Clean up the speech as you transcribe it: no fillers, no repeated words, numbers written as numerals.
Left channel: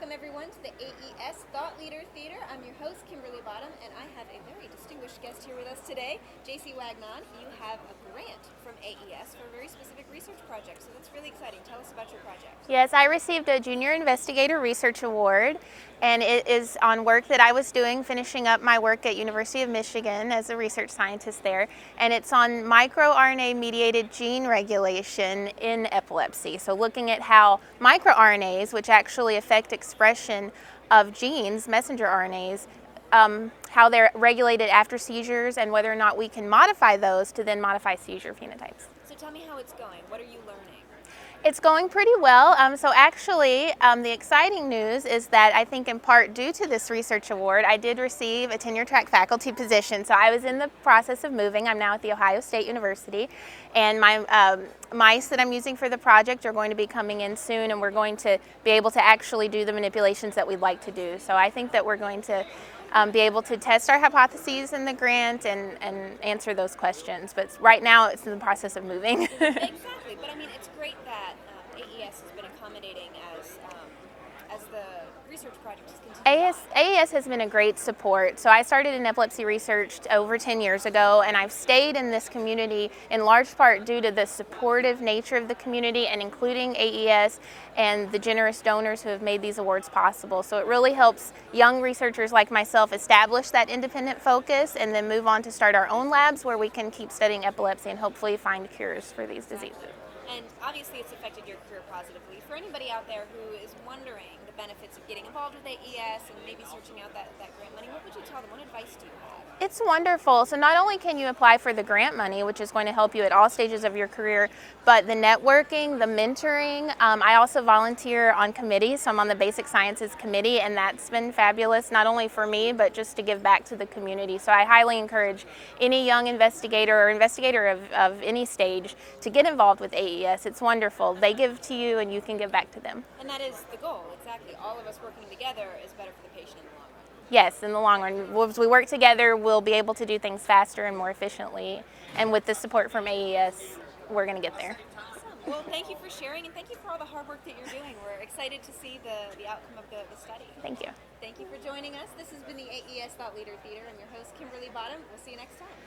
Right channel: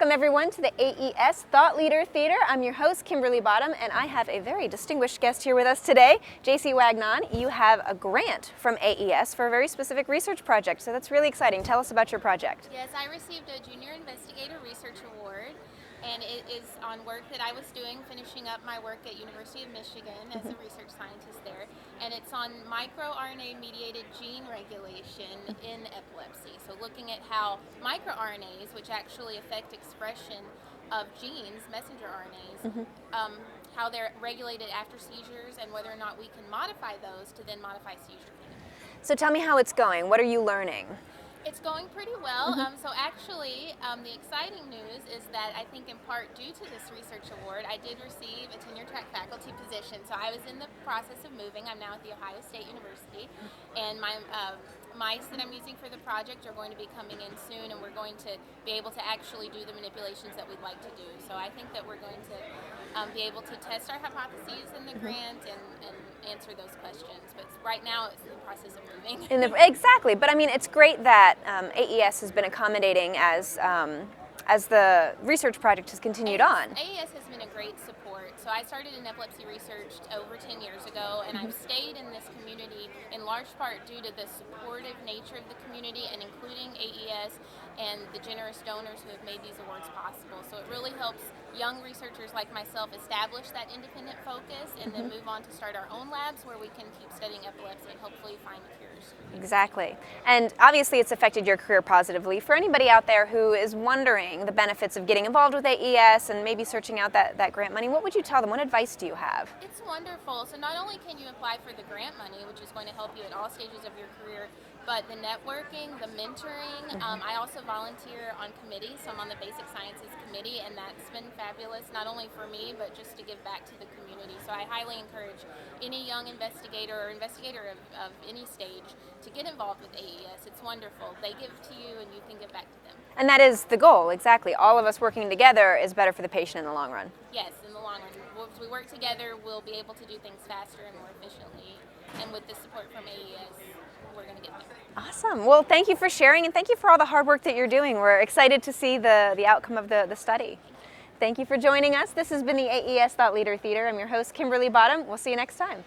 Welcome everyone to the AES Thought Leader Theater. I'm your host, Kimberly Bottom, and I have a very distinguished guest here with us today, Jacy Wagnon. You have a grant from AES for a very specific research project, so that's really exciting. Tell us about your project. Yes, I received a Junior Investigator Research Award, and it is on work that I was doing, finishing up my work at University of Michigan as a research scientist there, and it's on microRNA-mediated gene regulation in epilepsy. So looking at how microRNAs, which actually affect expression of genes, messenger RNAs, how they're regulated after seizures and whether or not we can modify those to then modify seizure phenotypes. So tell me how it's going. What are you learning? It's going pretty well. So actually, the exciting news is that I think in part due to this research award, I did receive a tenure track faculty position. So I was in the process of moving. I'm now at The Ohio State University, and my mice that I'm using for the project are going to be coming in soon, and we're going to be able to actually do the manipulations that we'd like to do. So I think that we're going to be able to test our hypotheses in the grant and answer those questions. But right now it's in the process of moving. Exactly, but I mean, it's great that AES has been accommodating as the research project has continued on. AES has been a great support. So I started in epilepsy research over 10 years ago, and I've stayed in this community in large part due to the supportive nature of the community and including AES and the generous donors who have made these awards possible. So it really helps young researchers like myself establish that independent focus and then move on to start our own labs where we can keep studying epilepsy and hopefully find cures for these Exactly. diseases. And obviously it's affected your career positively. For anybody out there who is wondering the benefits of getting involved with AES and maybe searching out that grant money, what would you tell them? What advice do you have? It's wonderful. So not only can you apply for the grant money, which is going to help you at all stages of your career, but the networking, the mentoring. I also volunteer on committees, so I'm on the Basic Sciences Committee, and that's been fabulous, not only for me, but just to give back to the community. So I highly encourage any young investigator or investigator of any stage to get involved with AES. It's wonderful. They give to you and you can give back to them. And that is the goal, exactly. All of us working together is better for the patient in the long run. Yes, in the long run. As we work together, we'll be able to do things faster and more efficiently. And with the support from AES, we're going to get there. Awesome. Well, thank you for sharing, and thank you for all the hard work that you're doing. We're excited to see the outcome of the study. Thank you. Thank you for joining us. This has been the AES Thought Leader Theater. I'm your host, Kimberly Bottom. We'll see you next time.